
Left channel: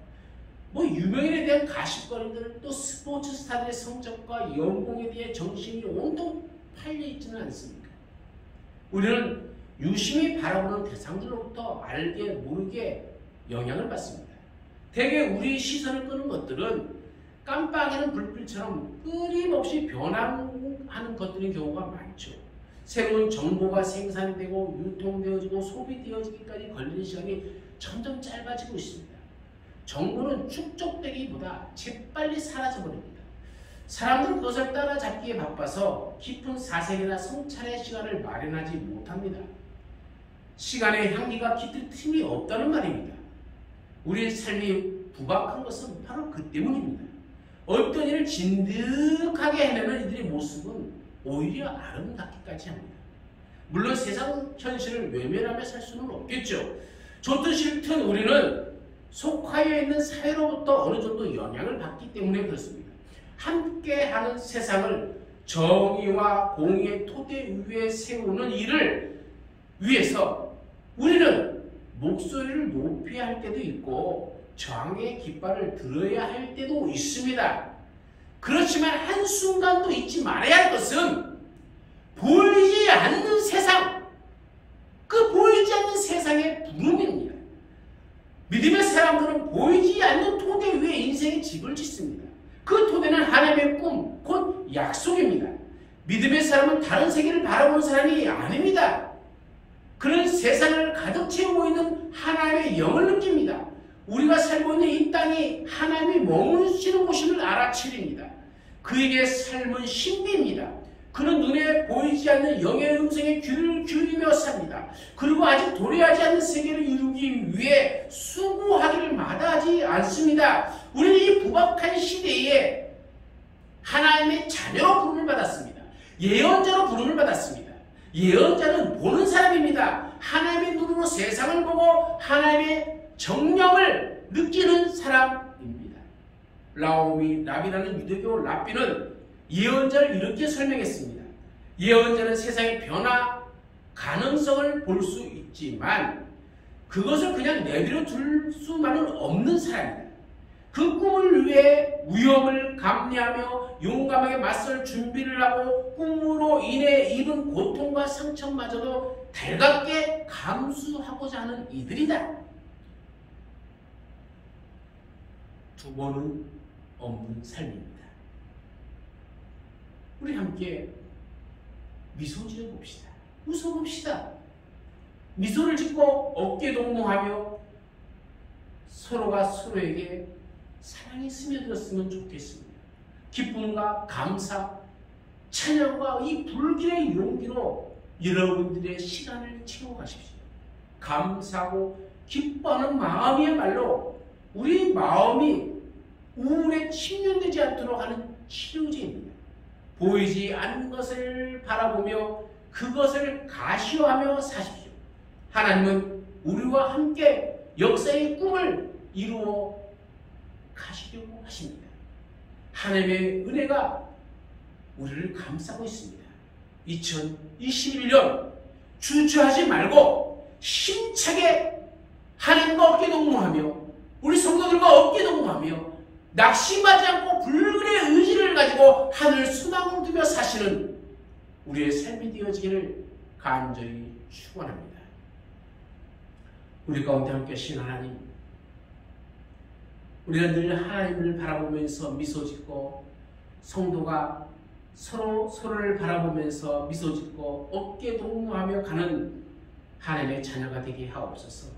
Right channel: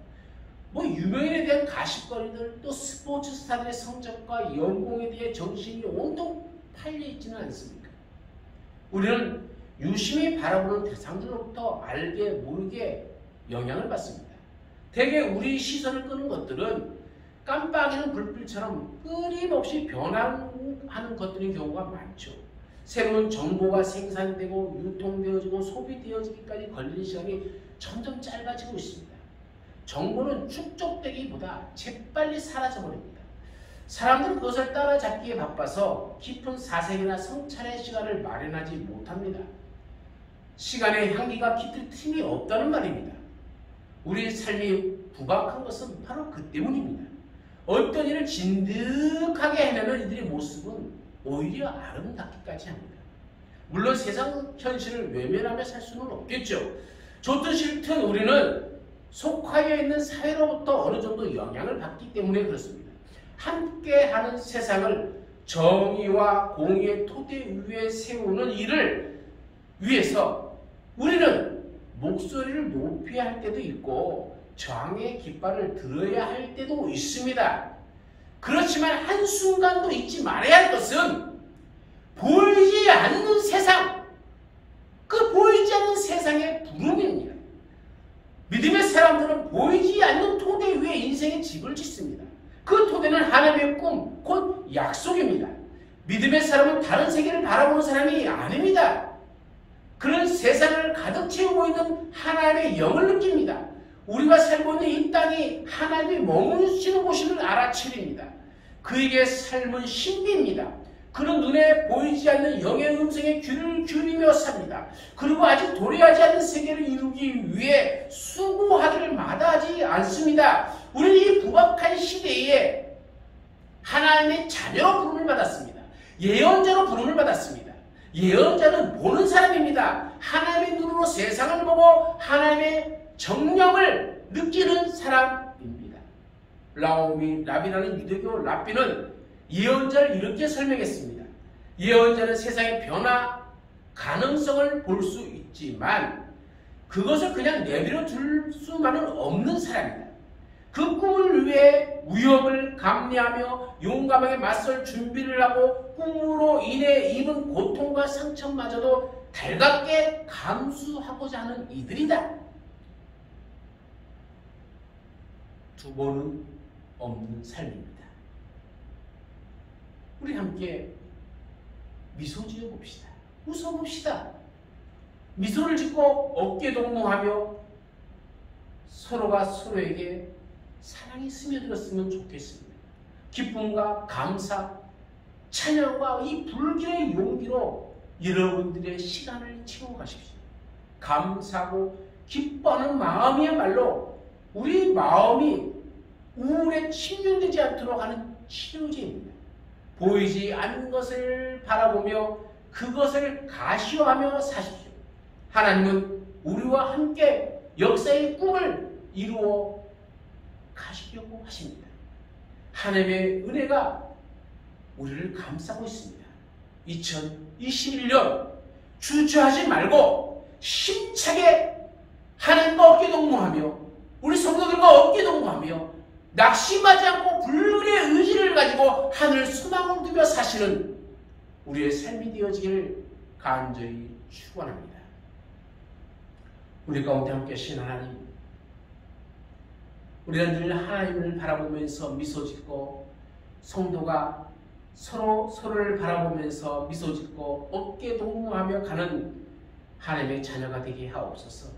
유명인에 대한 가십거리들, 또 스포츠 스타들의 성적과 연봉에 대해 정신이 온통 팔려 있지는 않습니까? 우리는 유심히 바라보는 대상들로부터 알게 모르게 영향을 받습니다. 대개 우리 시선을 끄는 것들은 깜빡이는 불빛처럼 끊임없이 변화하는 것들인 경우가 많죠. 새로운 정보가 생산되고 유통되어지고 소비되어지기까지 걸리는 시간이 점점 짧아지고 있습니다. 정보는 축적되기보다 재빨리 사라져버립니다. 사람들은 그것을 따라잡기에 바빠서 깊은 사색이나 성찰의 시간을 마련하지 못합니다. 시간의 향기가 깃들 틈이 없다는 말입니다. 우리의 삶이 부박한 것은 바로 그 때문입니다. 어떤 일을 진득하게 해내는 이들의 모습은 오히려 아름답기까지 합니다. 물론 세상 현실을 외면하며 살 수는 없겠죠. 좋든 싫든 우리는 속하여 있는 사회로부터 어느 정도 영향을 받기 때문에 그렇습니다. 함께하는 세상을 정의와 공의의 토대 위에 세우는 일을 위해서 우리는 목소리를 높여야 할 때도 있고 저항의 깃발을 들어야 할 때도 있습니다. 그렇지만 한순간도 잊지 말아야 할 것은 보이지 않는 세상, 그 보이지 않는 세상의 부름입니다. 믿음의 사람들은 보이지 않는 토대 위에 인생의 집을 짓습니다. 그 토대는 하나님의 꿈, 곧 약속입니다. 믿음의 사람은 다른 세계를 바라보는 사람이 아닙니다. 그런 세상을 가득 채우고 있는 하나님의 영을 느낍니다. 우리가 살고 있는 이 땅이 하나님이 머무시는 곳임을 알아차립니다. 그에게 삶은 신비입니다. 그는 눈에 보이지 않는 영의 음성에 귀를 기울이며 삽니다. 그리고 아직 도래하지 않는 세계를 이루기 위해 수고하기를 마다하지 않습니다. 우리는 이 부박한 시대에 하나님의 자녀로 부름을 받았습니다. 예언자로 부름을 받았습니다. 예언자는 보는 사람입니다. 하나님의 눈으로 세상을 보고 하나님의 정령을 느끼는 사람입니다. 라비라는 유대교 랍비는 예언자를 이렇게 설명했습니다. 예언자는 세상의 변화 가능성을 볼 수 있지만 그것을 그냥 내버려 둘 수만은 없는 사람입니다. 그 꿈을 위해 위협을 감내하며 용감하게 맞설 준비를 하고 꿈으로 인해 입은 고통과 상처마저도 달갑게 감수하고자 하는 이들이다. 두 번은 없는 삶입니다. 우리 함께 미소 지어 봅시다. 웃어 봅시다. 미소를 짓고 어깨 동무하며 서로가 서로에게 사랑이 스며들었으면 좋겠습니다. 기쁨과 감사, 찬양과 이 불길의 용기로 여러분들의 시간을 채워가십시오. 감사하고 기뻐하는 마음이야말로 우리 마음이 우울에 침륜되지 않도록 하는 치료제입니다. 보이지 않는 것을 바라보며 그것을 가시화하며 사십시오. 하나님은 우리와 함께 역사의 꿈을 이루어 가시려고 하십니다. 하나님의 은혜가 우리를 감싸고 있습니다. 2021년 주저하지 말고 힘차게 하나님과 어깨 동무하며 우리 성도들과 어깨 동무하며 낙심하지 않고 불길의 의지를 가지고 하늘 소망을 두며 사시는 우리의 삶이 되어지기를 간절히 축원합니다. 우리 가운데 함께 하신 하나님, 우리는 늘 하나님을 바라보면서 미소 짓고 성도가 서로를 바라보면서 미소 짓고 어깨 동무하며 가는 하나님의 자녀가 되게 하옵소서.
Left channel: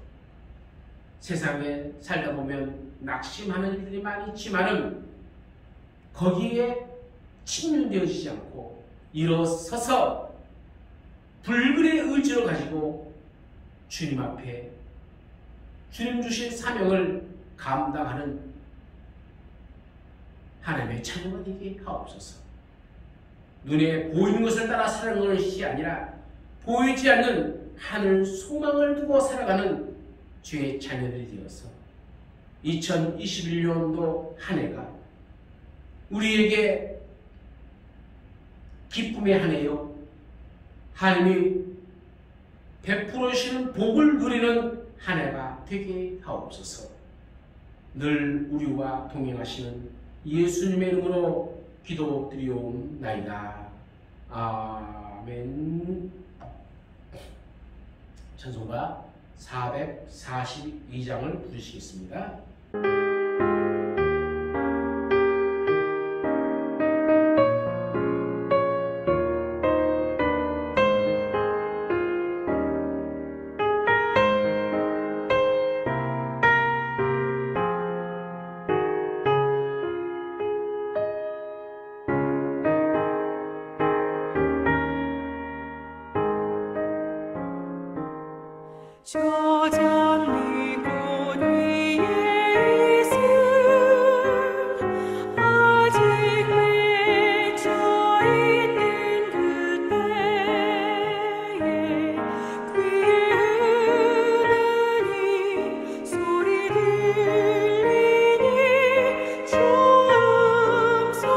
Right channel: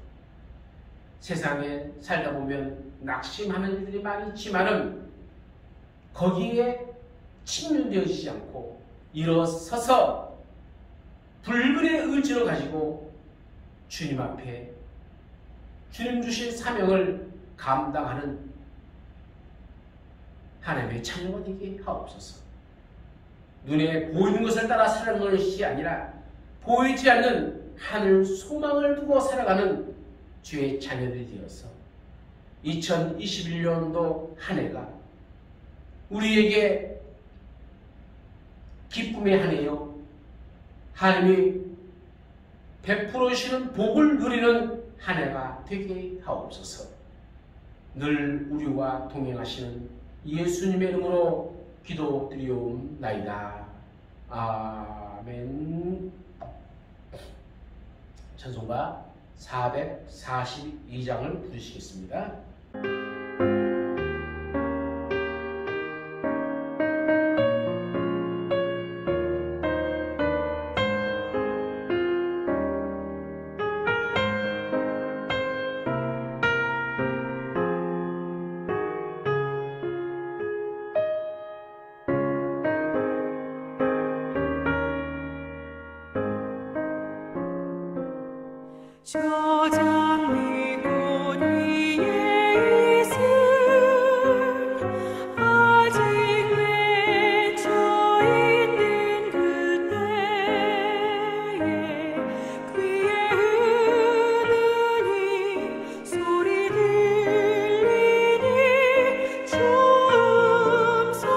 세상에 살다 보면 낙심하는 일들이 많이 있지만은 거기에 침륜되어지지 않고 일어서서 불굴의 의지를 가지고 주님 앞에 주님 주신 사명을 감당하는 하나님의 자녀가 되게 하옵소서. 눈에 보이는 것을 따라 살아가는 것이 아니라 보이지 않는 하늘 소망을 두고 살아가는 주의 자녀들이 되어서 2021년도 한 해가 우리에게 기쁨의 한 해요, 하나님이 베풀어 주시는 복을 누리는 한 해가 되게 하옵소서. 늘 우리와 동행하시는 예수님의 이름으로 기도드리옵나이다. 아멘. 찬송가 442장을 부르시겠습니다. 저 장미꽃 위에 있음 아직 맺혀 있는 그때에 귀에 흐르니 소리 들리니 주 음성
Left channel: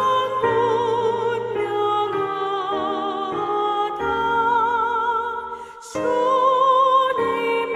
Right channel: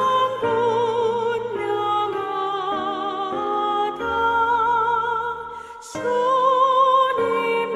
분명하다. 주님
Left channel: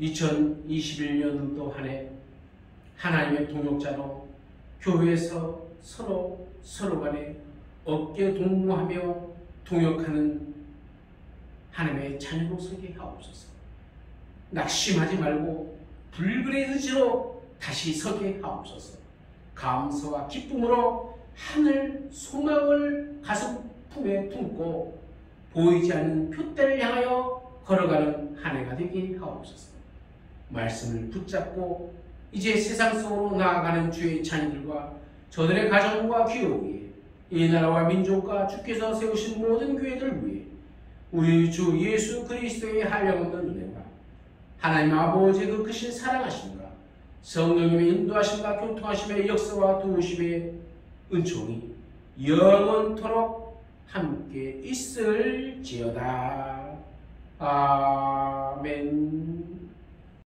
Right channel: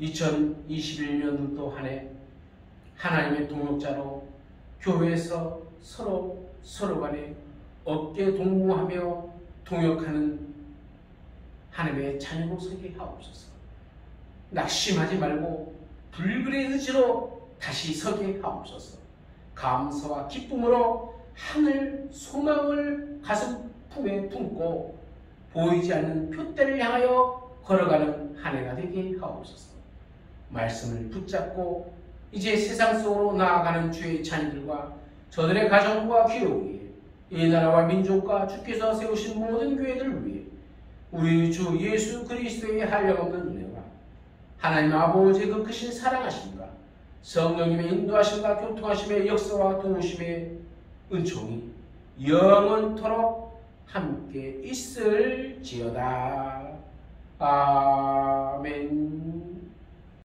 2021년도 한 해 하나님의 동역자로 교회에서 서로 간에 어깨 동무하며 동역하는 하나님의 자녀로 서게 하옵소서. 낙심하지 말고 불굴의 의지로 다시 서게 하옵소서. 감사와 기쁨으로 하늘 소망을 가슴 품에 품고 보이지 않는 표대를 향하여 걸어가는 한 해가 되게 하옵소서. 말씀을 붙잡고 이제 세상 속으로 나아가는 주의 자녀들과 저들의 가정과 교회에 이 나라와 민족과 주께서 세우신 모든 교회들을 위해 우리 주 예수 그리스도의 한량없는 은혜와 하나님 아버지의 그 크신 사랑하심과 성령님의 인도하심과 교통하심의 역사와 도우심의 은총이 영원토록 함께 있을지어다. 아멘.